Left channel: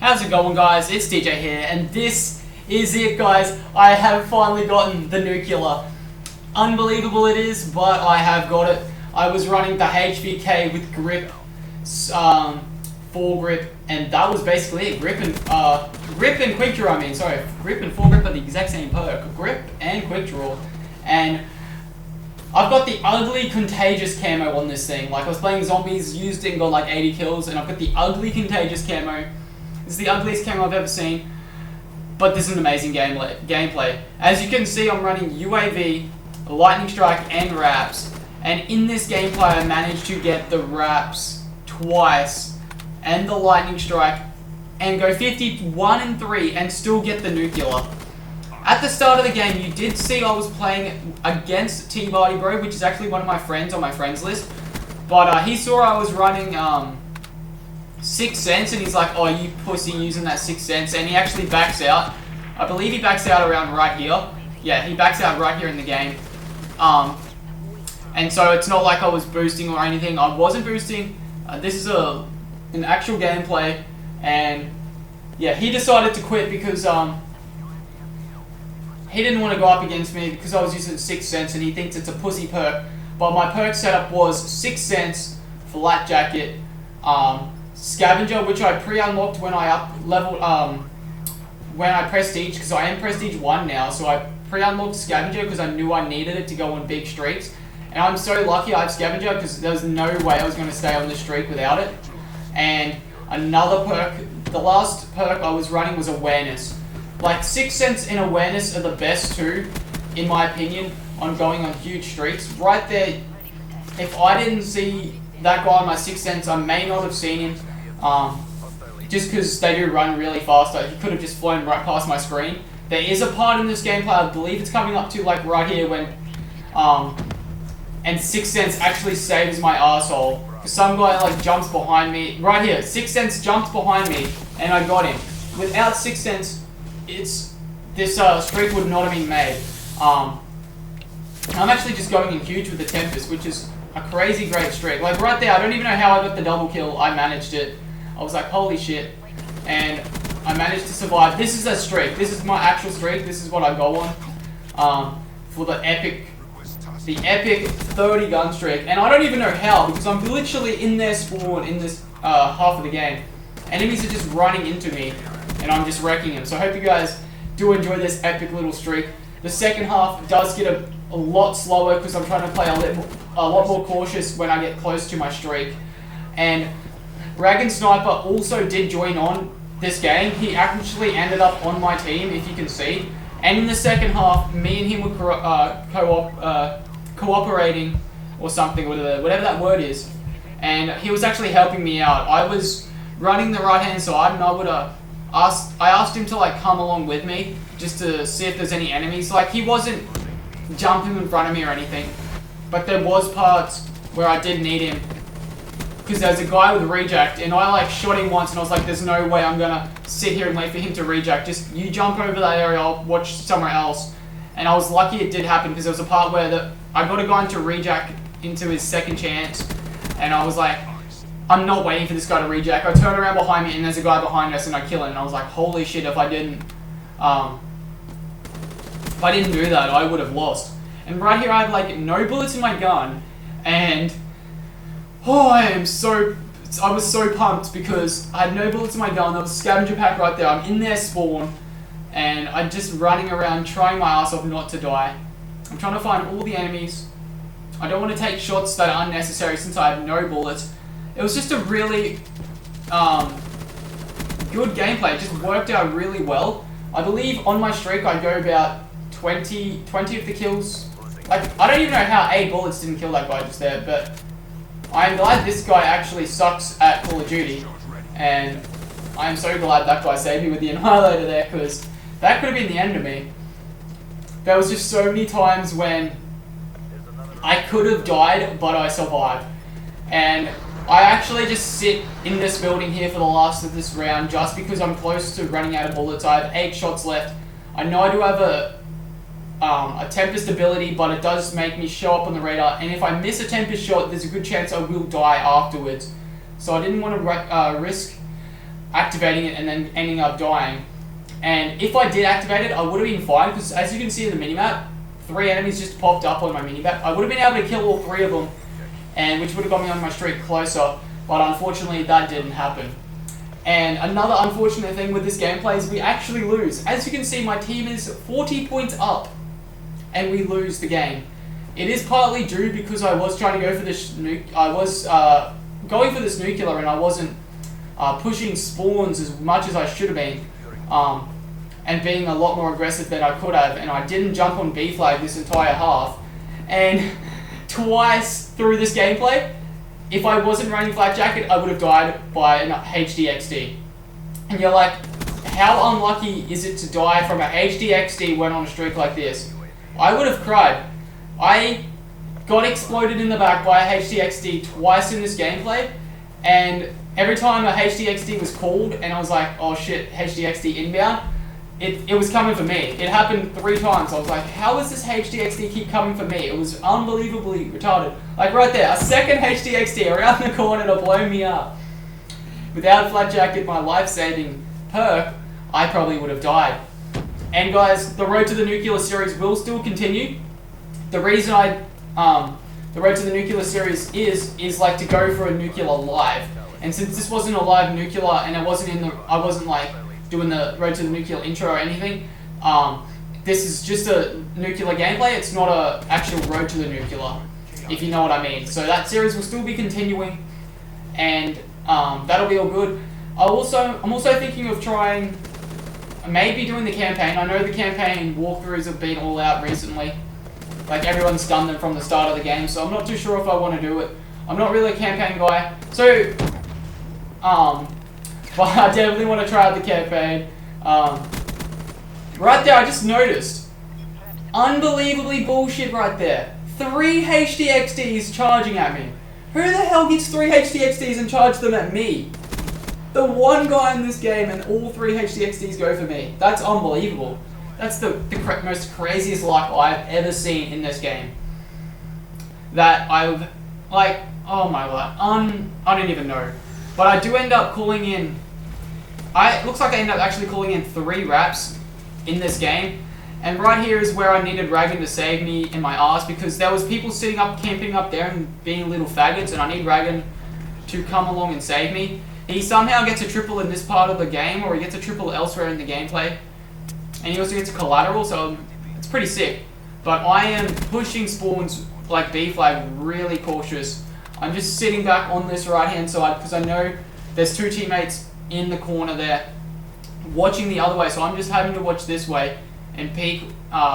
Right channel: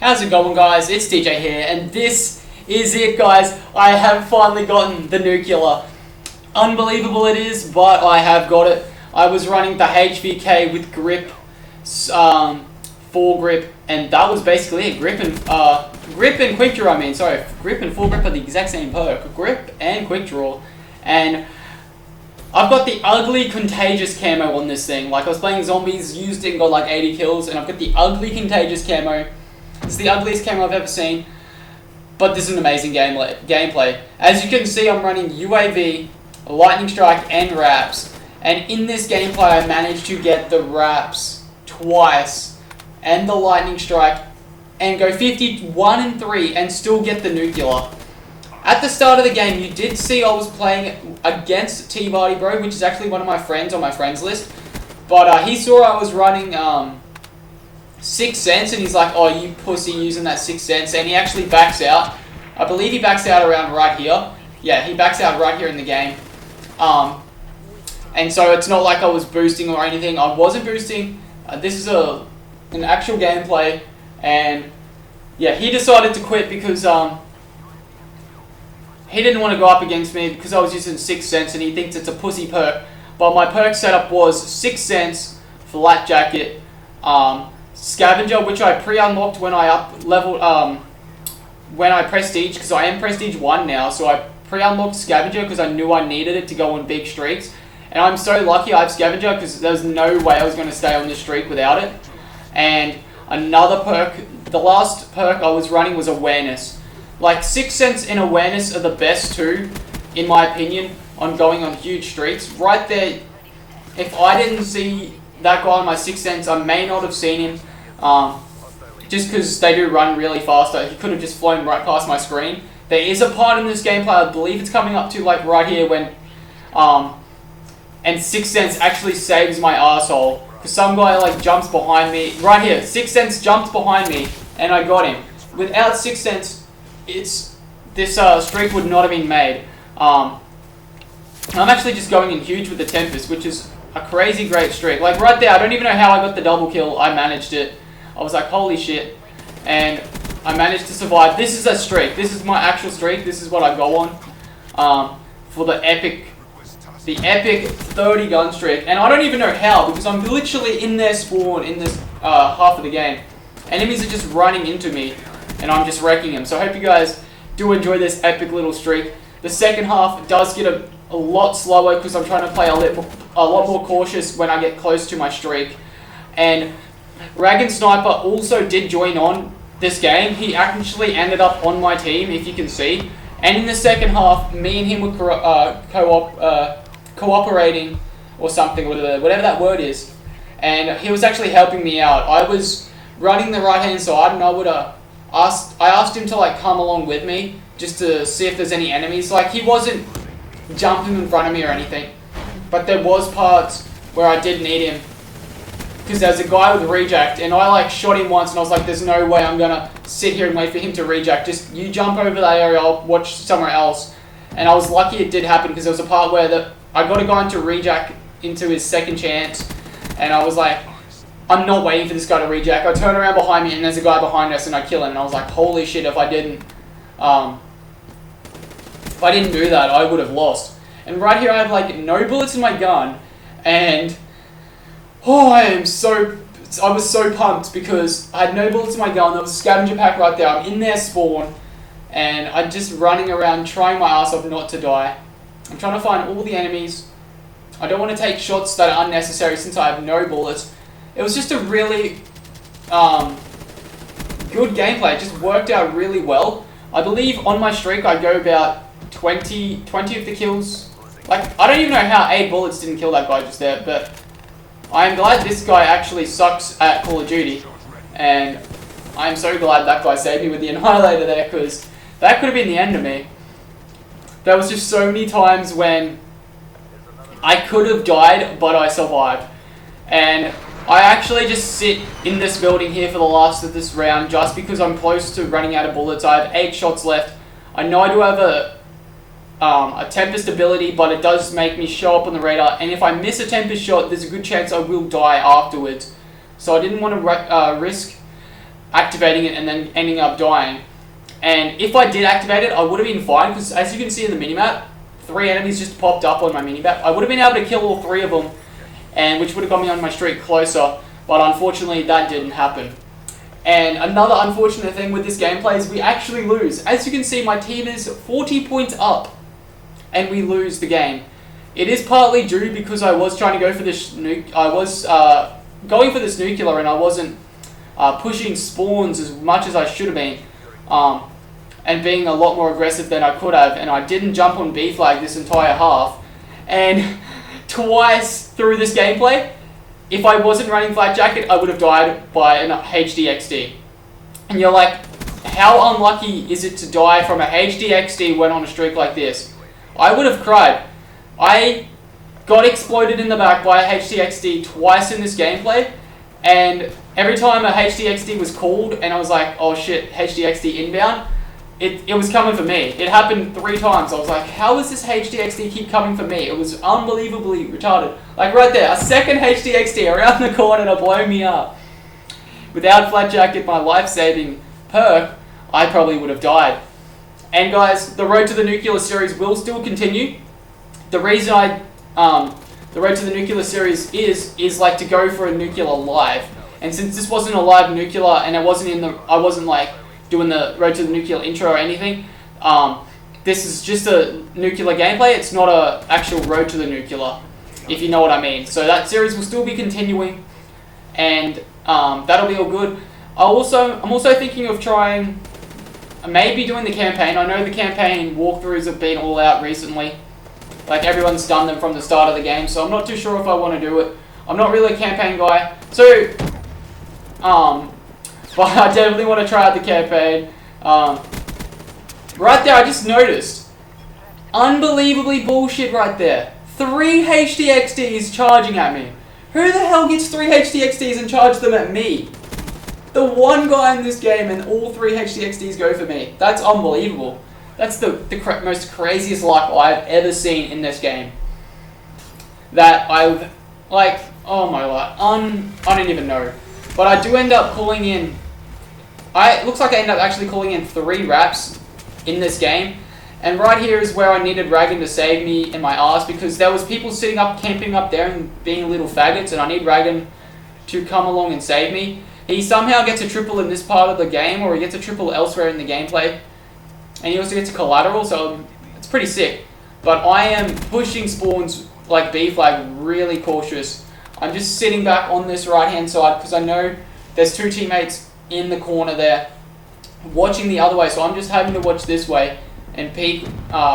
How's it going, guys? It's DJ here, and this is it, guys. I have finally gotten the nuclear. Unbelievable it is, but I have got it. I was running the HVK with grip, foregrip, and that was basically it. Grip and quick draw. Grip and foregrip are the exact same perk. Grip and quick draw, and I've got the ugly contagious camo on this thing. Like, I was playing zombies, used it and got like 80 kills, and I've got the ugly contagious camo. It's the ugliest camo I've ever seen, but this is an amazing gameplay. As you can see, I'm running UAV, lightning strike, and wraps. And in this gameplay, I managed to get the wraps twice and the lightning strike, and go 51 and 3 and still get the nuclear. At the start of the game, you did see I was playing against T-Barty Bro, which is actually one of my friends on my friends list. But he saw I was running 6 cents, and he's like, "Oh, you pussy using that 6 cents," and he actually backs out. I believe he backs out around right here. Yeah, he backs out right here in the game. And so it's not like I was boosting or anything. I wasn't boosting. This is an actual gameplay, and yeah, he decided to quit because he didn't want to go up against me because I was using 6 cents, and he thinks it's a pussy perk. But my perk setup was 6 cents, flat jacket, scavenger, which I pre-unlocked when I when I prestige, because I am prestige 1 now, so I pre-unlocked scavenger because I knew I needed it to go on big streaks. And I'm so lucky I have scavenger because there's no way I was going to stay on the streak without it. And another perk, the last perk I was running was awareness. Like, 6 cents in awareness are the best two, in my opinion, on going on huge streaks. Right there, if I didn't see that guy on my 6 cents, I may not have seen him. Just because they do run really fast. He could have just flown right past my screen. There is a part in this gameplay, I believe it's coming up to like right here, when and 6 cents actually saves my arsehole. Because some guy like jumps behind me. Right here, 6 cents jumped behind me and I got him. Without 6 cents, this streak would not have been made. I'm actually just going in huge with the Tempest, which is a crazy great streak. Like right there, I don't even know how I got the double kill. I managed it. I was like, holy shit. And I managed to survive. This is a streak. This is my actual streak. This is what I go on for the epic 30 gun streak. And I don't even know how, because I'm literally in their spawn in this half of the game. Enemies are just running into me, and I'm just wrecking them. So I hope you guys do enjoy this epic little streak. The second half does get a lot slower because I'm trying to play a lot more cautious when I get close to my streak. And Dragon Sniper also did join on this game. He actually ended up on my team, if you can see. And in the second half, me and him were cooperating or something, whatever that word is. And he was actually helping me out. I was running the right hand side, and I asked him to like come along with me just to see if there's any enemies. Like, he wasn't jumping in front of me or anything, but there was parts where I did need him. Because there's a guy with reject, and I like shot him once, and I was like, there's no way I'm gonna sit here and wait for him to reject. Just you jump over that area, I'll watch somewhere else. And I was lucky it did happen, because there was a part where I got a guy into reject into his second chance, and I was like, I'm not waiting for this guy to reject. I turn around behind me, and there's a guy behind us, and I kill him. And I was like, holy shit! If I didn't do that, I would have lost. And right here, I have like no bullets in my gun, and oh, I was so pumped because I had no bullets in my gun. There was a scavenger pack right there. I'm in their spawn, and I'm just running around trying my ass off not to die. I'm trying to find all the enemies. I don't want to take shots that are unnecessary since I have no bullets. It was just a really good gameplay. It just worked out really well. I believe on my streak I go about 20 of the kills. Like, I don't even know how 8 bullets didn't kill that guy just there, but I'm glad this guy actually sucks at Call of Duty, and I'm so glad that guy saved me with the Annihilator there, because that could have been the end of me. There was just so many times when I could have died, but I survived. And I actually just sit in this building here for the last of this round, just because I'm close to running out of bullets. I have 8 shots left. I know I do have a Tempest ability, but it does make me show up on the radar, and if I miss a Tempest shot, there's a good chance I will die afterwards. So I didn't want to risk activating it and then ending up dying. And if I did activate it, I would have been fine, because as you can see in the minimap, 3 enemies just popped up on my minimap. I would have been able to kill all 3 of them, and which would have got me on my streak closer, but unfortunately that didn't happen. And another unfortunate thing with this gameplay is we actually lose. As you can see, my team is 40 points up, and we lose the game. It is partly due because I was trying to go for this going for this nuclear, and I wasn't pushing spawns as much as I should have been, and being a lot more aggressive than I could have, and I didn't jump on B flag this entire half. And twice through this gameplay, if I wasn't running Flak Jacket, I would have died by an HDXD. And you're like, how unlucky is it to die from a HDXD when on a streak like this? I would have cried. I got exploded in the back by a HDXD twice in this gameplay, and every time a HDXD was called and I was like, oh shit, HDXD inbound, it was coming for me. It happened 3 times. I was like, how does this HDXD keep coming for me? It was unbelievably retarded. Like right there, a second HDXD around the corner to blow me up. Without Flat Jacket, my life-saving perk, I probably would have died. And guys, the road to the nuclear series will still continue. The reason the road to the nuclear series is like to go for a nuclear live. And since this wasn't a live nuclear and I wasn't like doing the road to the nuclear intro or anything, this is just a nuclear gameplay. It's not a actual road to the nuclear, if you know what I mean. So that series will still be continuing, and that'll be all good. I'm also thinking of trying, maybe doing the campaign. I know the campaign walkthroughs have been all out recently. Like everyone's done them from the start of the game, so I'm not too sure if I want to do it. I'm not really a campaign guy, so but I definitely want to try out the campaign. Right there, I just noticed, unbelievably bullshit right there. 3 HDXDs charging at me. Who the hell gets 3 HDXDs and charge them at me? The one guy in this game and all 3 HDXDs go for me. That's unbelievable. That's the most craziest luck I've ever seen in this game. That I've, like, oh my god, I don't even know. But I do end up calling in, it looks like I end up actually calling in 3 raps in this game. And right here is where I needed Ragan to save me in my ass, because there was people sitting up, camping up there and being little faggots, and I need Ragan to come along and save me. He somehow gets a triple in this part of the game, or he gets a triple elsewhere in the gameplay. And he also gets a collateral, so it's pretty sick. But I am pushing spawns like B flag really cautious. I'm just sitting back on this right hand side because I know there's 2 teammates in the corner there watching the other way, so I'm just having to watch this way and peek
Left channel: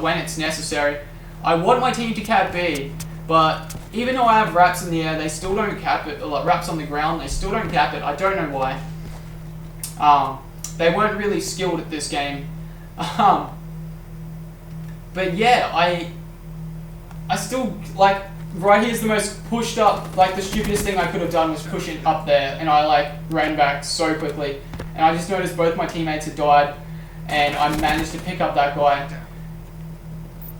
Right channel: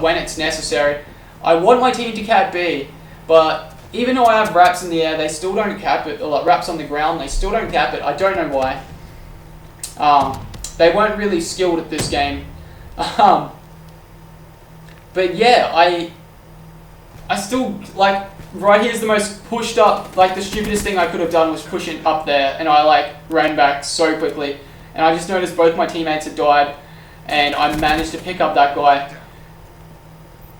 when it's necessary. I want my team to cap B, but even though I have raps in the air, they still don't cap it, or like raps on the ground, they still don't cap it. I don't know why. They weren't really skilled at this game. But yeah, I still, like, right here's the most pushed up, like the stupidest thing I could have done was push it up there, and I like ran back so quickly, and I just noticed both my teammates had died, and I managed to pick up that guy.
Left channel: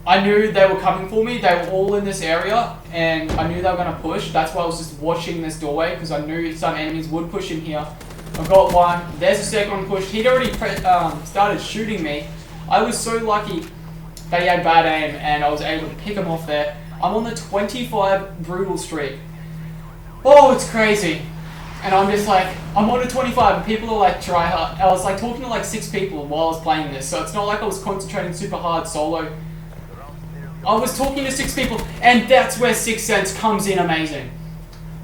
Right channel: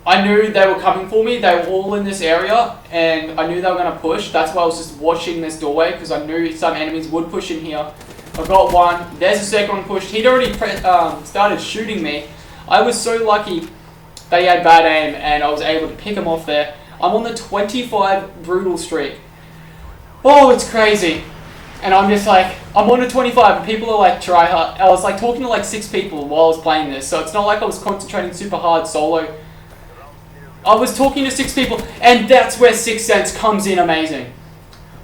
I knew they were coming for me, they were all in this area, and I knew they were going to push. That's why I was just watching this doorway, because I knew some enemies would push in here. I got one, there's the second one pushed. He'd already started shooting me. I was so lucky that he had bad aim, and I was able to pick him off there. I'm on the 25 brutal streak. Oh, it's crazy. And I'm just like, I'm on the 25, and people are like, try hard. I was like talking to like 6 people while I was playing this, so it's not like I was concentrating super hard solo. I was talking to 6 people, and that's where 6th Sense comes in amazing.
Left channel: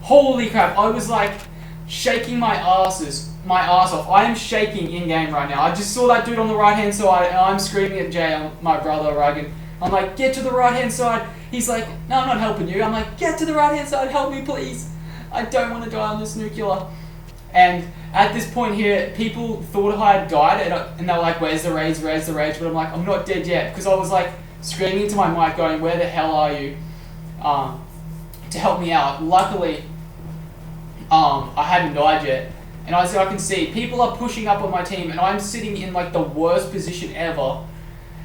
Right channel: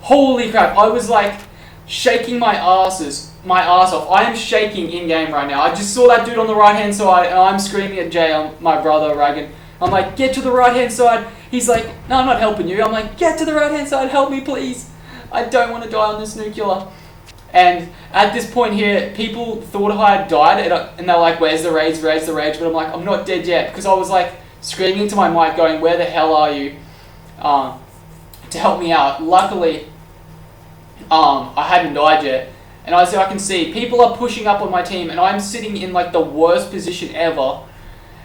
Holy crap, I was like shaking my ass off. I am shaking in game right now. I just saw that dude on the right hand side, and I'm screaming at Jay, my brother, Ragan. I'm like, get to the right hand side. He's like, no, I'm not helping you. I'm like, get to the right hand side, help me please. I don't want to die on this nuclear. And at this point here, people thought I had died, and they're like, where's the rage, where's the rage? But I'm like, I'm not dead yet, because I was like screaming into my mic going, where the hell are you? To help me out. Luckily, I hadn't died yet. And as I can see, people are pushing up on my team, and I'm sitting in like the worst position ever.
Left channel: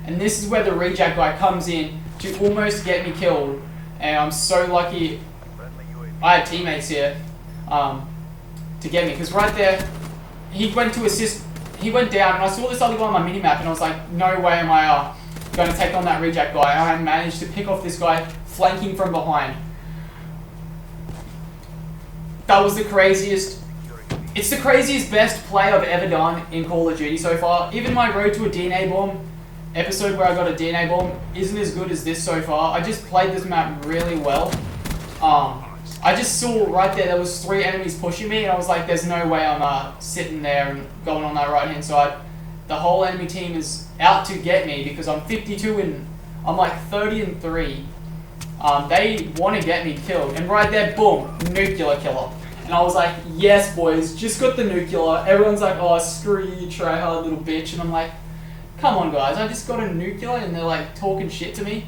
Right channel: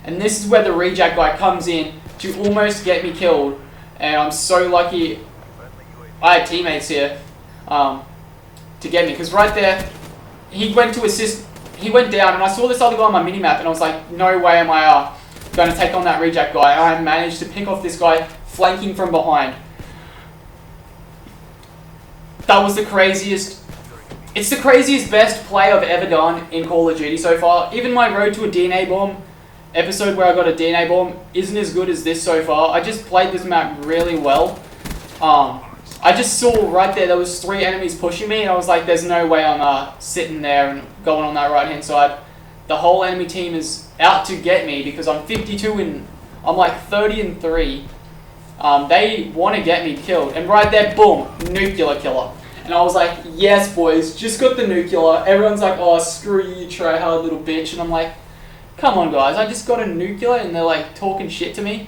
And this is where the reject guy comes in to almost get me killed. And I'm so lucky I had teammates here to get me. Because right there, he went to assist, he went down, and I saw this other guy on my minimap, and I was like, no way am I going to take on that reject guy. And I managed to pick off this guy flanking from behind. That was the craziest. It's the craziest best play I've ever done in Call of Duty so far. Even my Road to a DNA Bomb episode where I got a DNA Bomb isn't as good as this so far. I just played this map really well. I just saw right there was 3 enemies pushing me, and I was like, there's no way I'm sitting there and going on that right hand side. The whole enemy team is out to get me because I'm 52 and I'm like 30-3. They want to get me killed, and right there, boom, nuclear killer. And I was like, yes, boys, just got the nuclear. Everyone's like, oh, screw you, tryhard little bitch. And I'm like, come on, guys, I just got a nuclear, and they're like talking shit to me.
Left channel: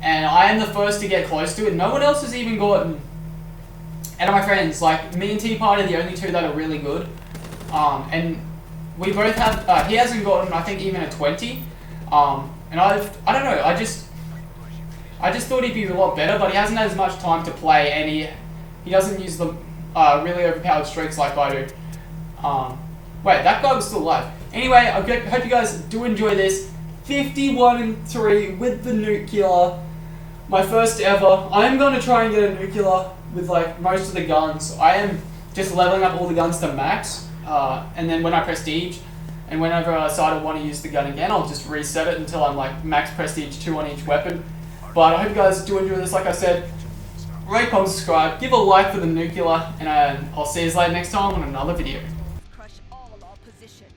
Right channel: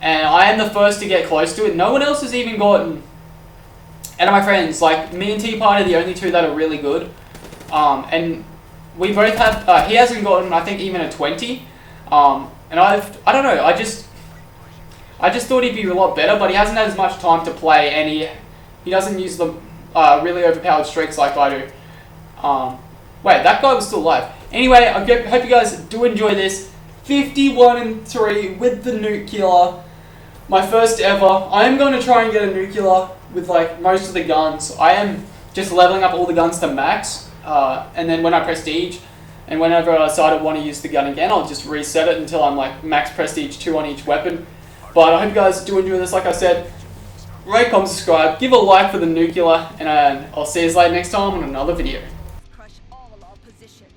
And I am the first to get close to it. No one else has even gotten. And my friends, like me and T-Part are the only 2 that are really good. And we both have. He hasn't gotten, I think, even a 20. And I don't know. I just thought he'd be a lot better, but he hasn't had as much time to play, and he doesn't use the really overpowered streaks like I do. Wait, that guy was still alive. Anyway, I hope you guys do enjoy this. 51-3 with the nuclear. My first ever. I am going to try and get a nuclear with like most of the guns. I am just leveling up all the guns to max. And then when I prestige, and whenever I decide I want to use the gun again, I'll just reset it until I'm like max prestige 2 on each weapon. But I hope you guys do enjoy this. Like I said, rate, comment, subscribe, give a like for the nuclear, and I'll see you later next time on another video. Crush all opposition.